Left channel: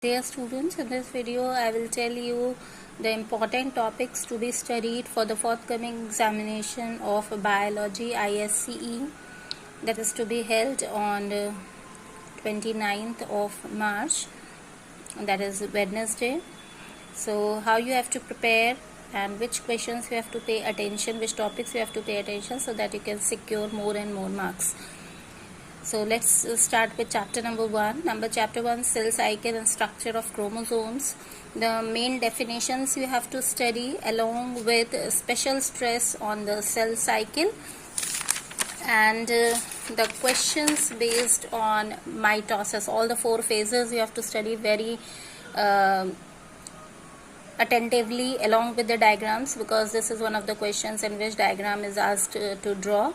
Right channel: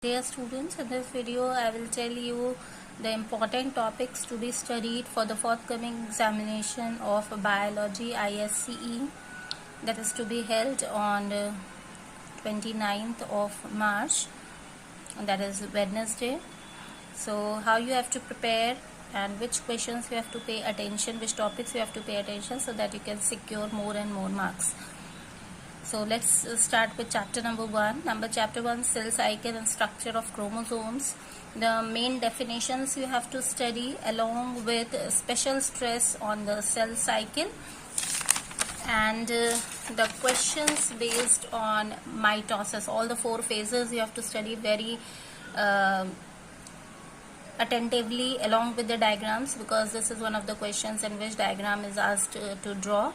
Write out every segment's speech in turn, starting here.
Dear students, in this video I will tell you the important topics to be studied for the forthcoming examination of biology Isce that is to be held on 29th of March, that is Wednesday. So how you have to prepare and which questions you have to pay attention, which topics you have to pay attention, so that you can secure more and more marks. So let's start with chapter number 1. Chapter 1, cell cycle and structure of chromosomes. The main definitions you have to study along with special stress on the cell cycle and the questions based on mitosis. All the 4 phases you have to study very attentively along with the diagrams, because this is one of the questions in which diagram is asked to draw.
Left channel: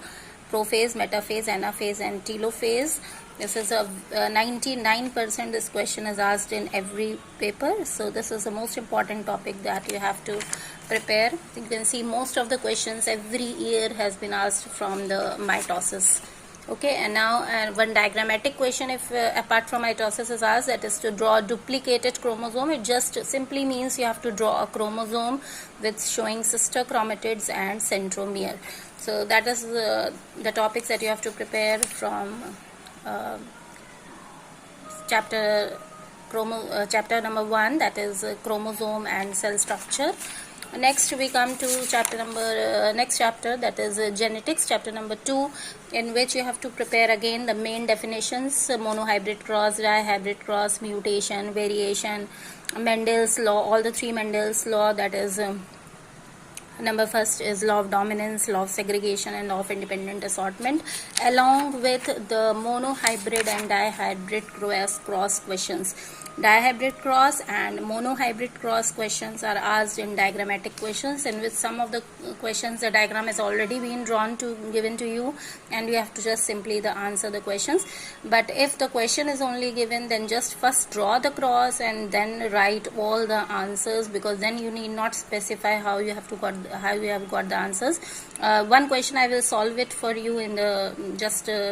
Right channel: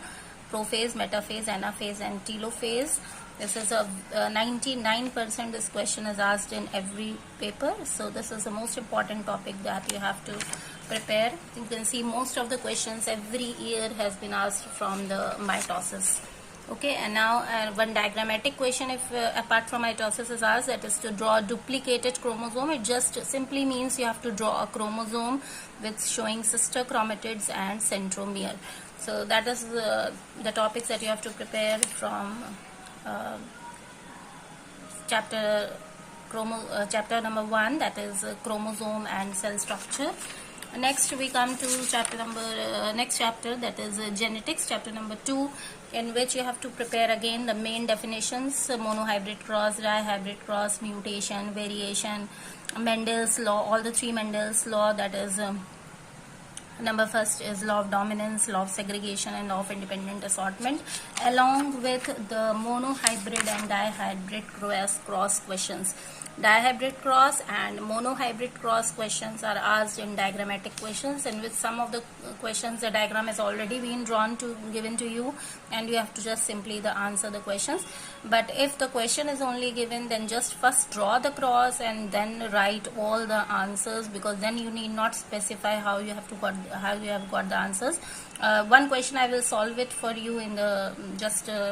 Prophase, metaphase, anaphase and telophase. This is a 99% this question is asked in every paper. So this is the most important topic that you have to prepare. You can see most of the questions every year has been asked from the mitosis. Okay, and now one diagrammatic question, if apart from mitosis is asked, that is to draw a duplicated chromosome. It just simply means you have to draw a chromosome with showing sister chromatids and centromere. So that is the topics that you have to prepare from chapter number 1, that is chromosome and cell structure. Next we come to next chapter, that is genetics, chapter number 2, in which you have to prepare again the main definitions: monohybrid cross, dihybrid cross, mutation, variation, Mendel's law, all the 3 Mendel's law, that is number first is law of dominance, law of segregation and law of independent assortment, along with the monohybrid and dihybrid cross questions. Dihybrid cross and monohybrid cross questions are asked in diagrammatic questions, and with some of the questions the diagram has already been given to you, and you have to just simply answer the questions. But if the question is only given, then just first draw the cross and then write all the answers, because then you need not specify how you have got the answers. One question I will solve it for you in the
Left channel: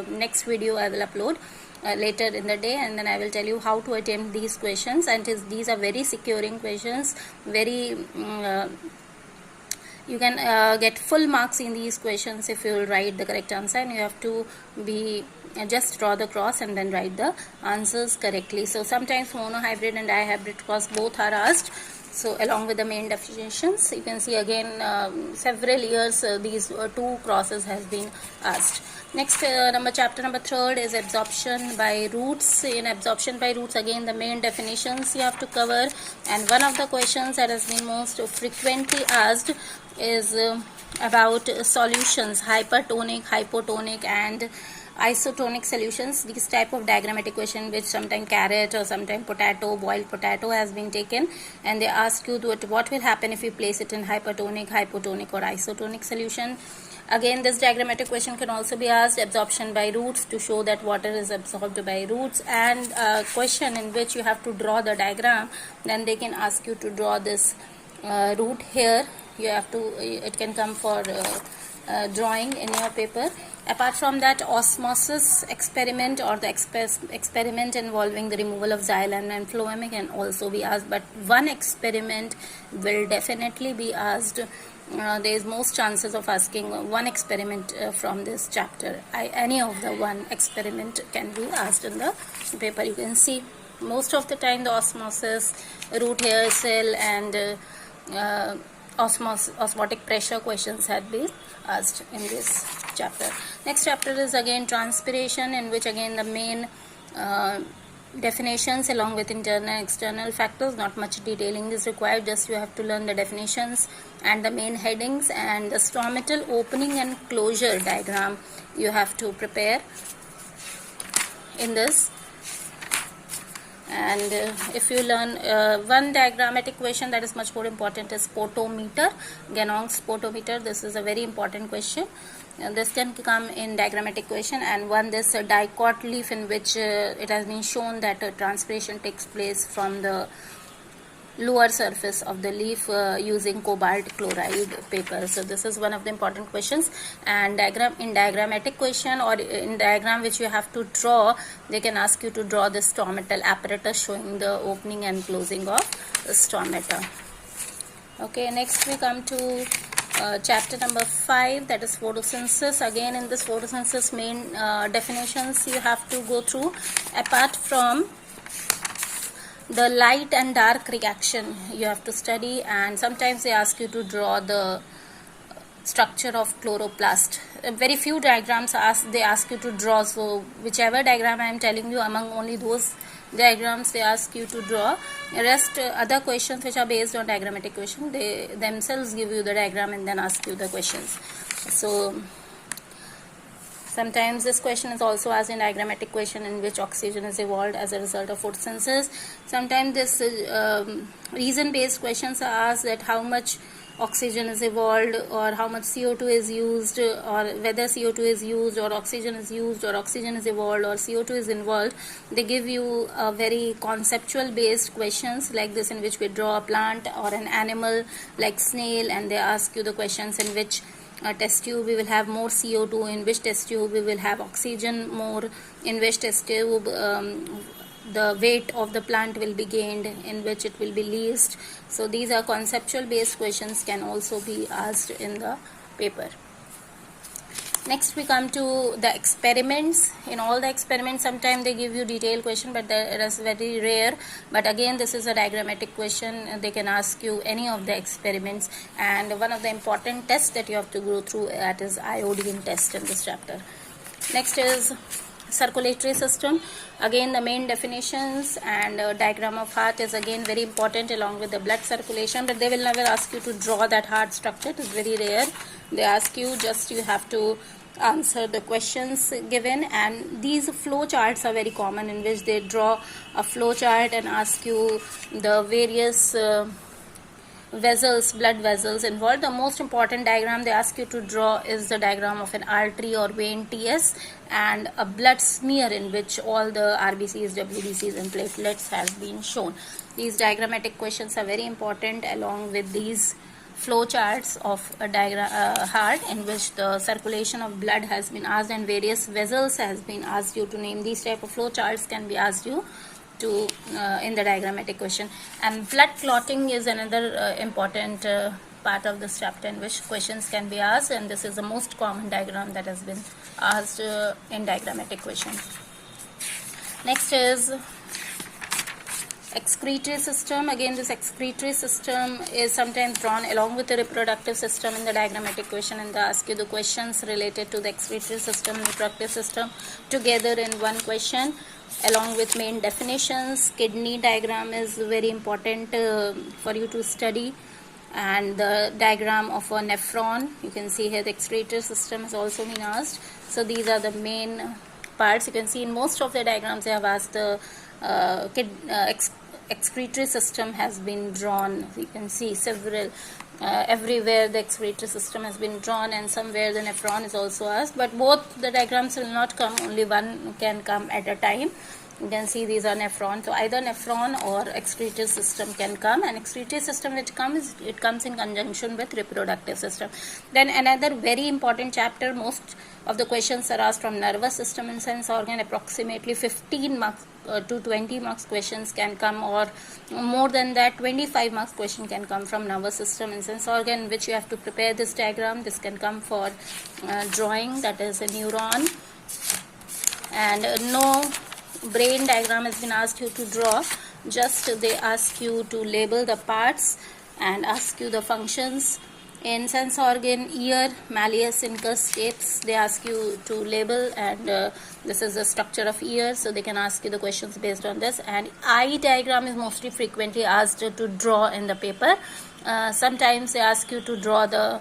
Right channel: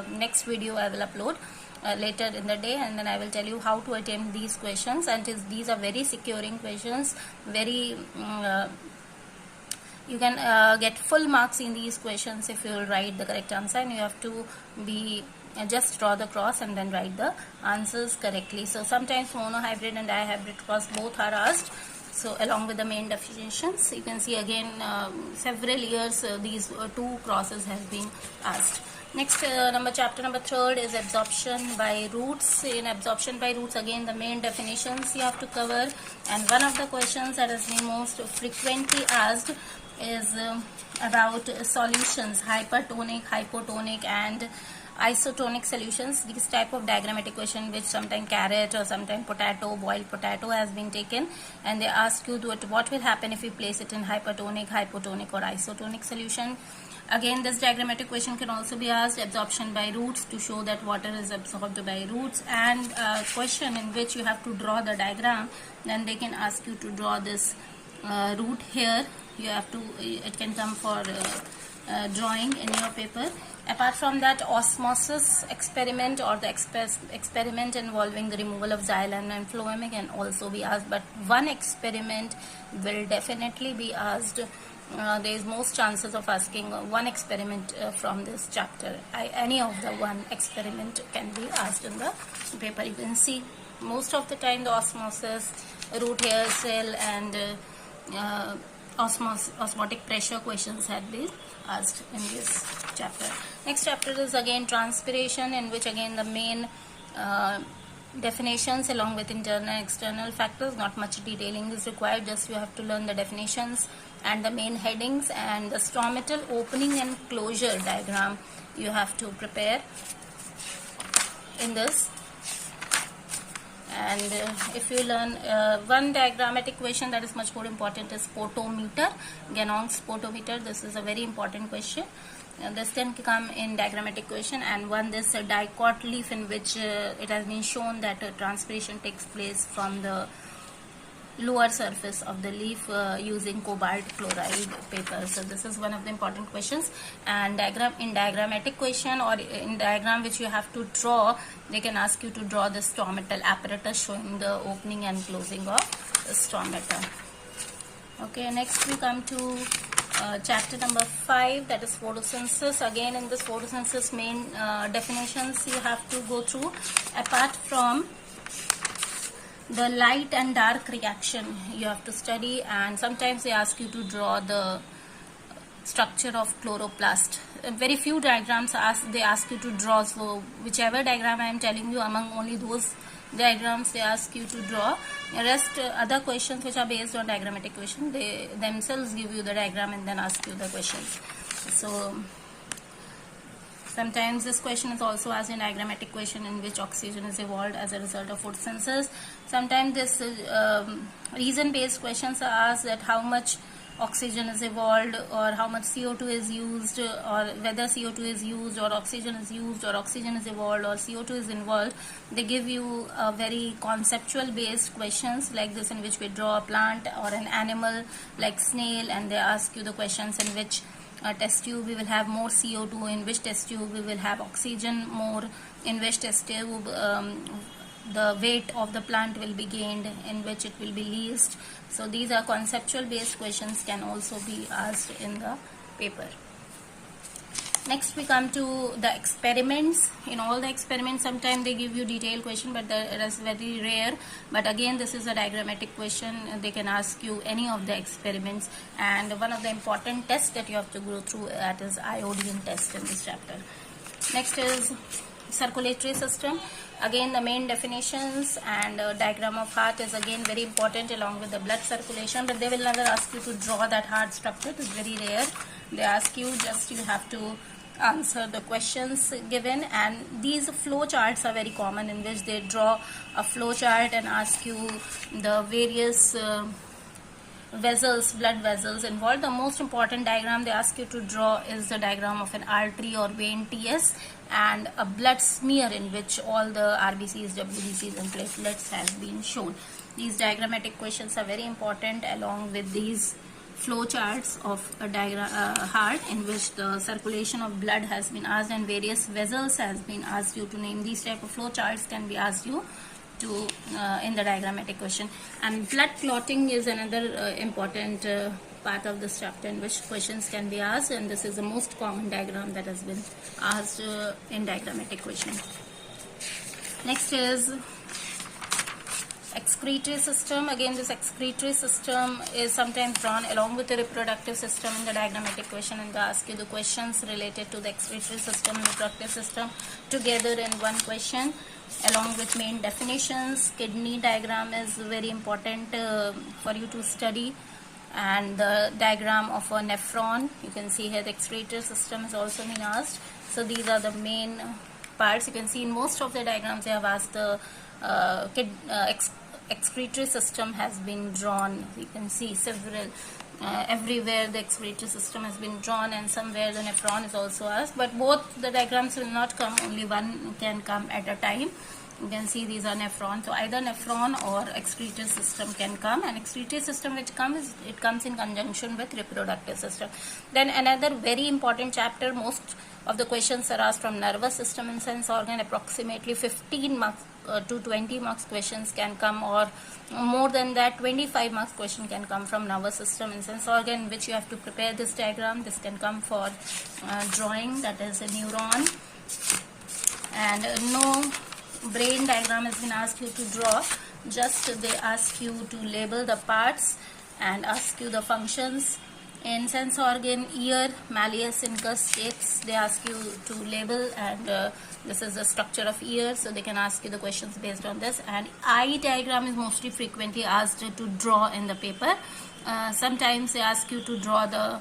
next video I will upload later in the day, and then I will tell you how to attempt these questions. And these are very securing questions, very you can get full marks in these questions if you will write the correct answer, and you have to be just draw the cross and then write the answers correctly. So sometimes monohybrid and dihybrid cross both are asked. So along with the main definitions, you can see again several years these 2 crosses has been asked. Next chapter number 3 is absorption by roots. In absorption by roots, again the main definitions you have to cover, and one of the questions that has been most frequently asked is about solutions, hypertonic, hypotonic and isotonic solutions. This type of diagrammatic question, which sometimes carrot or sometimes potato, boiled potato has been taken, and they ask you what will happen if you place it in hypertonic, hypotonic or isotonic solution. Again, this diagrammatic question can also be asked. Absorption by roots, to show that water is absorbed by roots, and a question in which you have to draw the diagram. Then they can ask you to draw this root here. You have to, it can come for drawing in your paper. Apart from that, osmosis experiment or the experiment involving the removal of xylem and phloem can also be asked, but one experiment will definitely be asked. There is most chances of asking one experiment from this chapter. Any of the one experiment can be asked in the paper. You can see most of the time the osmosis, root hair cell and osmotic pressure questions have been asked in this chapter. Next chapter is again transpiration, in which again the main definitions along with internal and external factors. Not much detailing is required, just you have to learn the definitions and the main headings, and the stomatal opening and closure diagram you have to prepare in this. And if you learn one diagrammatic question that is much more important is spotometer, Ganong's spotometer. This is a very important question. This can come in diagrammatic question, and one this dicot leaf, in which it has been shown that transpiration takes place from the lower surface of the leaf using cobalt chloride paper. So this is one of the important questions. And in diagrammatic question or in diagram which you have to draw, they can ask you to draw the stomatal apparatus showing the opening and closing of the stomata. Okay, next we come to chapter number 5, that is photosynthesis. Again, in this photosynthesis main definitions you have to go through. Apart from the light and dark reaction you have to study, and sometimes they ask you to draw the structure of chloroplast. Very few diagrams they ask you to draw, so whichever diagram I am telling you, among only those diagrams they ask you to draw. The rest other questions which are based on diagrammatic question, they themselves give you the diagram and then ask you the questions. So sometimes this question is also asked in diagrammatic question, in which oxygen is evolved as a result of photosynthesis. Sometimes this reason based questions are asked, that how much oxygen is evolved, or how much CO2 is used, or whether CO2 is used or oxygen is used, or oxygen is evolved or CO2 is involved. They give you a very conceptual based questions like this, in which we draw a plant or an animal like snail, and they ask you the questions in which test tube we will have more CO2, in which test tube we will have oxygen more, in which test tube the weight of the plant will be gained, in which it will be least. So these are conceptual based questions, can also be asked in the paper. Next we come to the experiments. In all the experiments, sometimes they give you detailed question, but it is very rare. But again, this is a diagrammatic question. They can ask you any of the experiments, and one of the important tests that you have to go through, that is iodine test in this chapter. Next is circulatory system. Again, the main definitions and diagram of heart is again very important, along with the blood circulation, but they will never ask you to draw that heart structure. It is very rare. They ask you, just you have to answer the questions given, and these flow charts are very common, in which they draw a flow chart and ask you the various vessels, blood vessels involved. The most important diagram they ask you to draw is the diagram of an artery or vein TS, and a blood smear in which all the RBCs, WBCs and platelets have been shown. These diagrammatic questions are very important, along with these flow charts of a heart, in which the circulation of blood has been asked and various vessels has been asked you to name. These type of flow charts can be asked you to in the diagrammatic question. And blood clotting is another important part of this chapter, in which questions can be asked, and this is the most common diagram that has been asked in diagrammatic question. Next is excretory system. Again, this excretory system is sometimes drawn along with the reproductive system in the diagrammatic question, and they ask you the questions related to the excretory system and reproductive system together in one question, along with main definitions. Kidney diagram is very important for you to study, and the diagram of a nephron. You can see here the excretory system has also been asked. So these are the main parts. You can see in most of the diagrams they have asked the excretory system has been drawn. You can see several everywhere the excretory system has been drawn, and somewhere the nephron is also asked, but both the diagrams will not come, only one can come at a time. You can see these are nephron, so either nephron or excretory system can come, and excretory system which comes, it comes in conjunction with reproductive system. Then another very important chapter, most of the questions are asked from nervous system and sense organ. Approximately 15 marks to 20 marks questions can come, or more than that 25 marks question can come from nervous system and sense organ, which you have to prepare this diagram. This can come for drawing, that is a neuron, and no brain diagram has been asked you to draw. Just they ask you to label the parts and ask you the functions. In sense organ, ear, malleus, incus, stapes, they ask you to label, and this is the structure of ear, so they can ask you the questions based on this. And eye diagram is mostly frequently asked to draw in the paper. Sometimes they ask you to draw the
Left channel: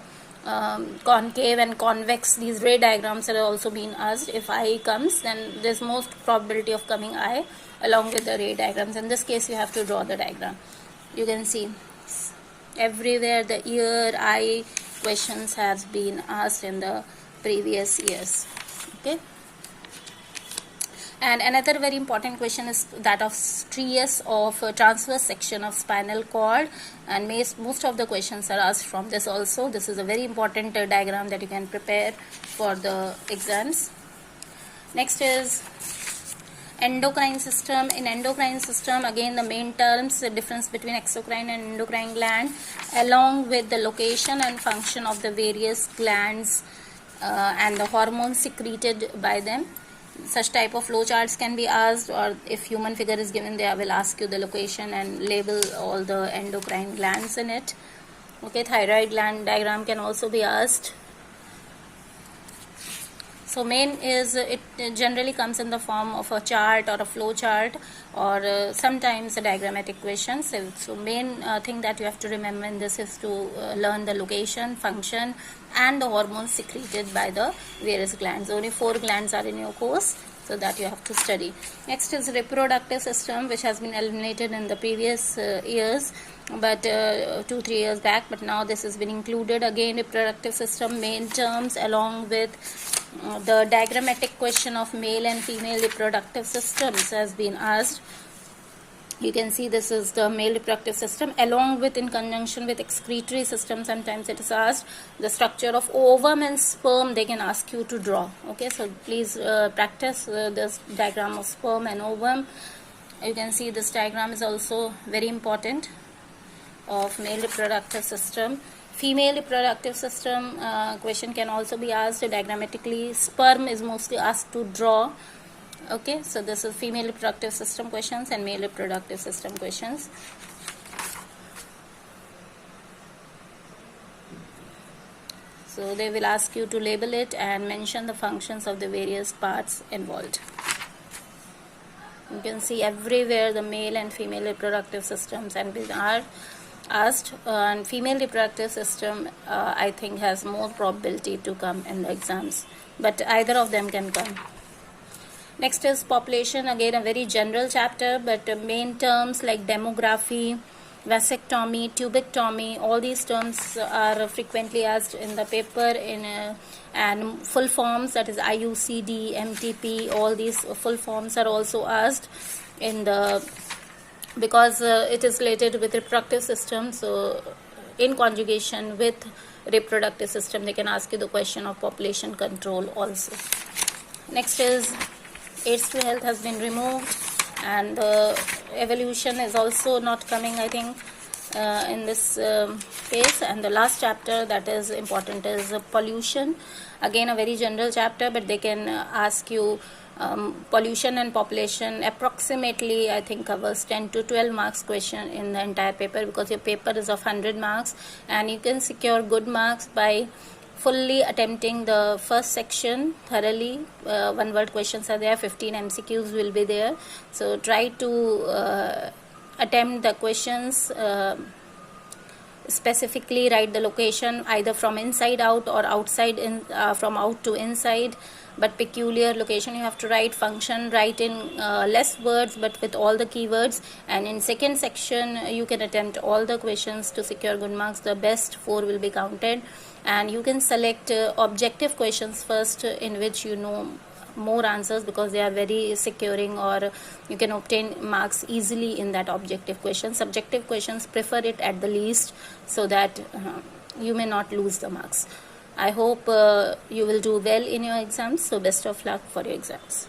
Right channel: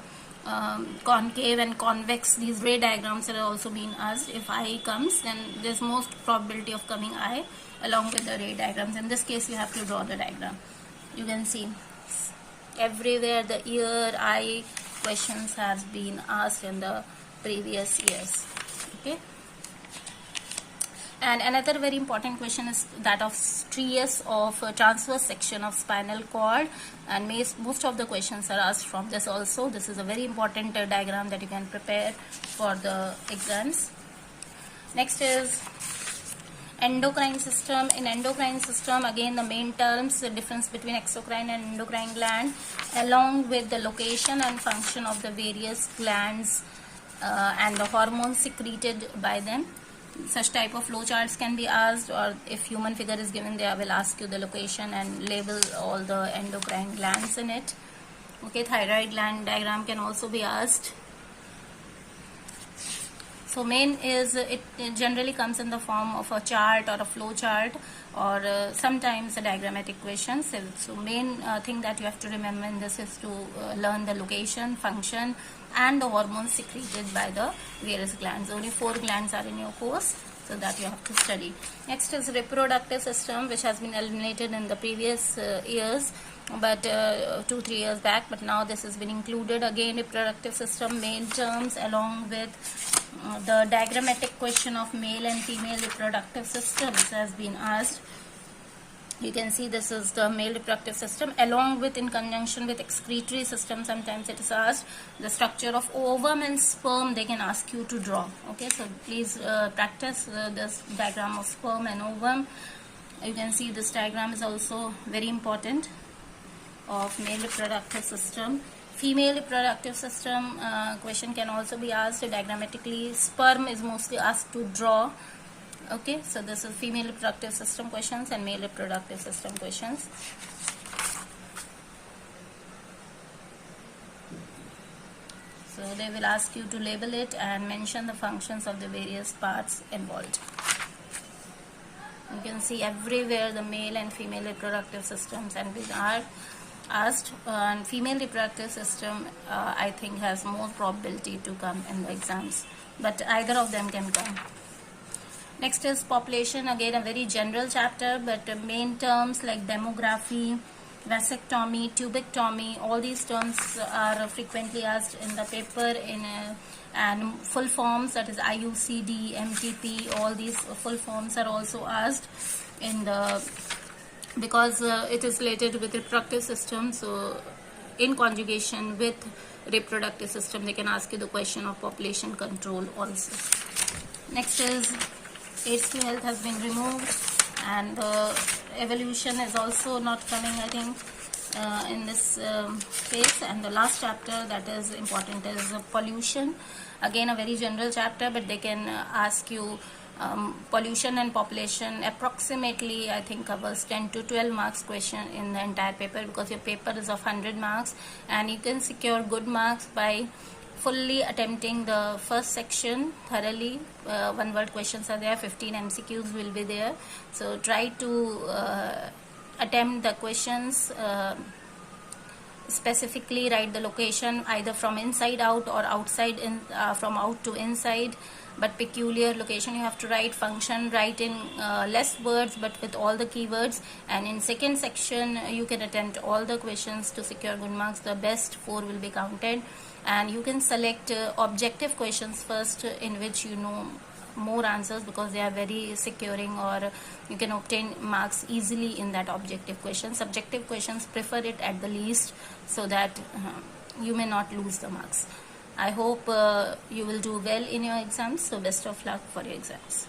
concave and convex. These ray diagrams are also being asked. If eye comes, then there's most probability of coming eye along with the ray diagrams. In this case, you have to draw the diagram. You can see everywhere the ear, eye questions has been asked in the previous years. Okay. And another very important question is that of stress of transverse section of spinal cord, and most of the questions are asked from this also. This is a very important diagram that you can prepare for the exams. Next is endocrine system. In endocrine system, again the main terms, the difference between exocrine and endocrine gland, along with the location and function of the various glands and the hormones secreted by them. Such type of flowcharts can be asked, or if human figure is given, they will ask you the location and label all the endocrine glands in it. Okay, thyroid gland diagram can also be asked. So main is, it generally comes in the form of a chart or a flow chart, or sometimes a diagrammatic question. So main thing that you have to remember in this is to learn the location, function and the hormones secreted by the various glands. Only 4 glands are in your course, so that you have to study. Next is reproductive system, which has been eliminated in the previous years, but 2-3 years back, but now this has been included again. Reproductive system main terms, along with the diagrammatic question of male and female reproductive systems has been asked. You can see this is the male reproductive system, along with, in conjunction with, excretory system. Sometimes it is asked. The structure of ovum and sperm they can ask you to draw. Okay, so please practice this diagram of sperm and ovum. You can see this diagram is also very important of male reproductive system. Female reproductive system question can also be asked diagrammatically. Sperm is mostly asked to draw. Okay, so this is female reproductive system questions and male reproductive system questions. So they will ask you to label it and mention the functions of the various parts involved. You can see everywhere the male and female reproductive systems and are asked, and female reproductive system I think has more probability to come in the exams, but either of them can come. Next is population, again a very general chapter, but main terms like demography, vasectomy, tubectomy, all these terms are frequently asked in the paper, and full forms, that is IUCD, MTP, all these full forms are also asked in the, because it is related with reproductive system. So in conjugation with reproductive system, they can ask you the question of population control also. Next is AIDS to health has been removed, and evolution is also not coming, I think, in this case. And the last chapter that is important is pollution. Again a very general chapter, but they can ask you pollution and population approximately, I think, covers 10 to 12 marks question in the entire paper, because your paper is of 100 marks, and you can secure good marks by fully attempting the first section thoroughly. One word questions are there, 15 MCQs will be there. So try to attempt the questions, specifically write the location either from inside out or outside in, from out to inside, but peculiar location you have to write. Function, write in less words but with all the keywords, and in second section you can attempt all the questions to secure good marks. The best 4 will be counted, and you can select objective questions first, in which you know more answers, because they are very securing, or you can obtain marks easily in that objective question. Subjective questions, prefer it at the least, so that you may not lose the marks. I hope you will do well in your exams, so best of luck for your exams.